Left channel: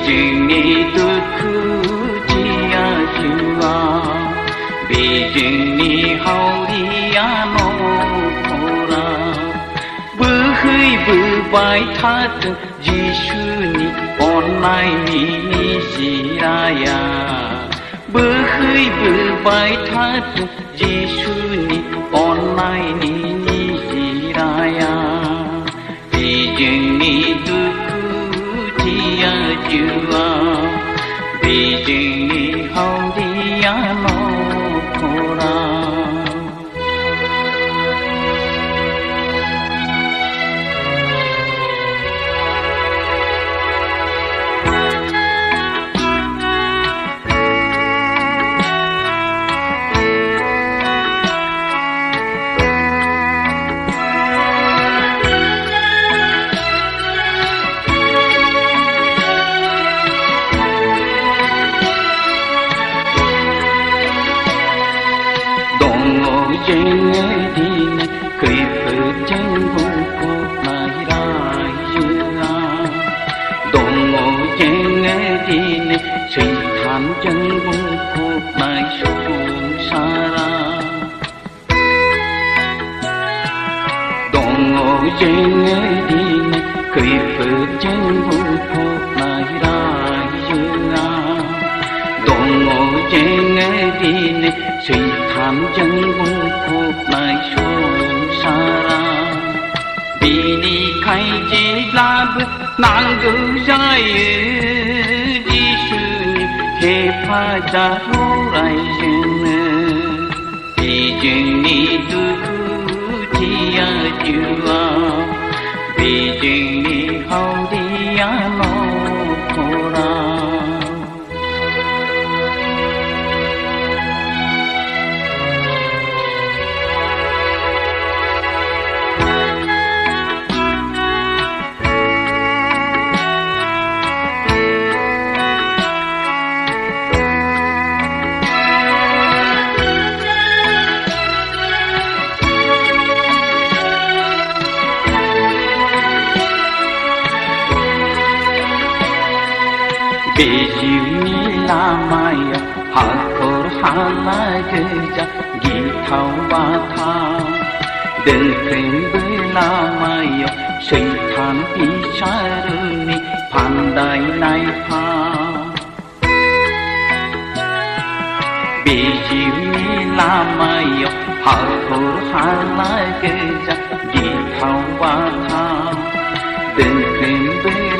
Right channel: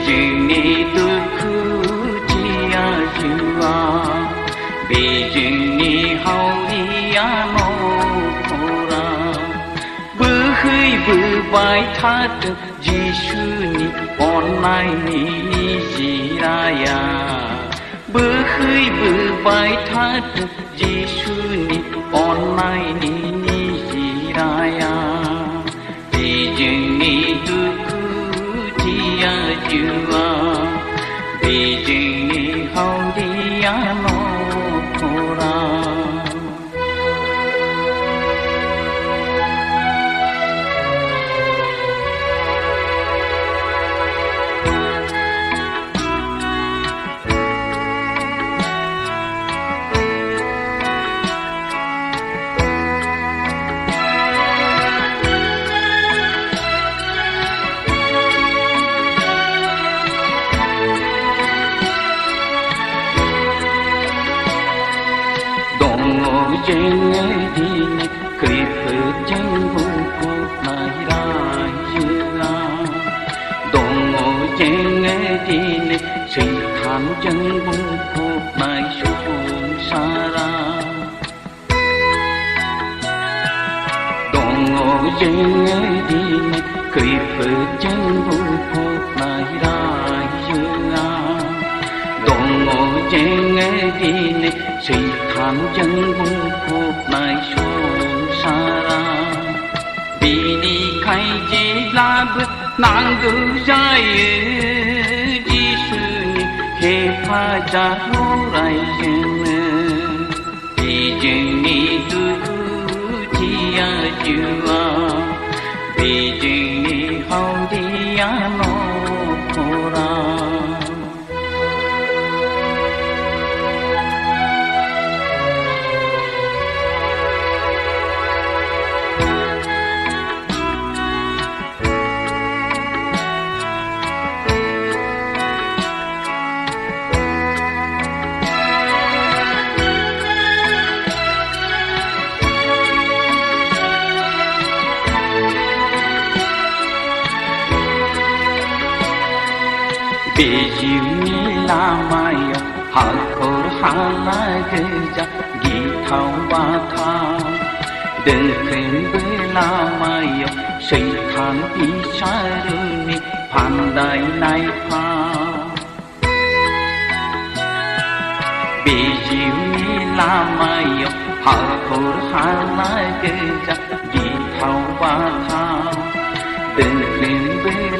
비중이 두쿠지야 주아 비중이 하우리야 노코라 bơi vai thắt Giêsu online ni Jiraya bơi vai thắt Giêsu online ni Jiraya 비중이 두쿠지야 주아 비중이 하우리야 노코라 trên đi cười phật trên vô cột lại đại dương đồng ngộ trên đi sự thảm chân vô cột lại xuống xa ra đồng ngộ trên đi cười phật trên vô cột lại đại dương đồng ngộ trên đi sự thảm chân vô cột lại xuống xa ra đi đi khai chế la bước nàng cứ dài đi sự khê pha ra hô lại dừng đi dừng đi tu chi ya chua đi dừng đi hao đi ya no khora Beijing lamaya hakor halageja githau batha dekhen lamaya shaitan isharuni pandai nai pha Beijing lamaya hakor halageja githau batha dekhen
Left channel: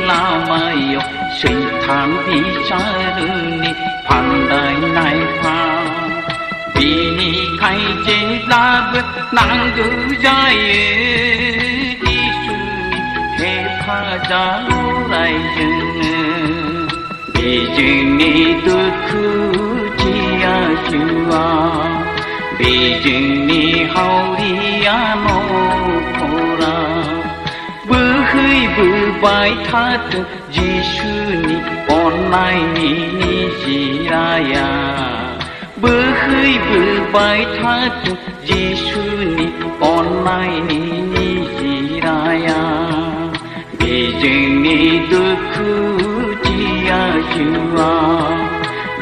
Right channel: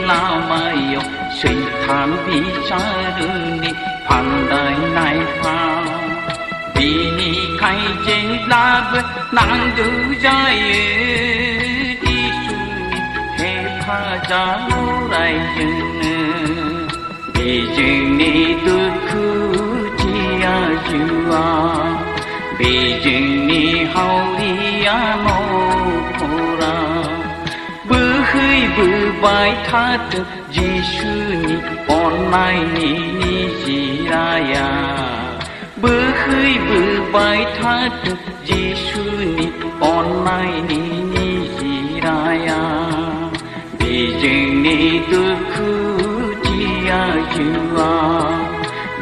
lamaya Satan bicarani pandai nai pha bini khai chế lab nàng cứ dài đi su khe pha ra lại dừng đi dừng ni tu khu chia chua đi dừng ni hao đi ano khora bơi vai thắt Giêsu ni online ni Jiraya bơi vai thắt Giêsu ni online ni Jiraya 비중이 두쿠지야 주아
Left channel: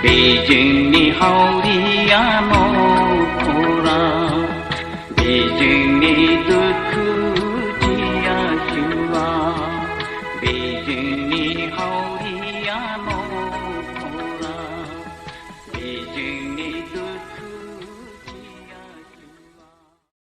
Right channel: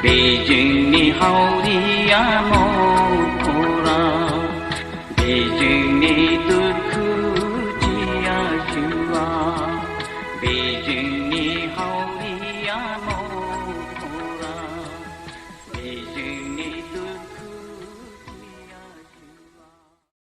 비중이 하우리야 노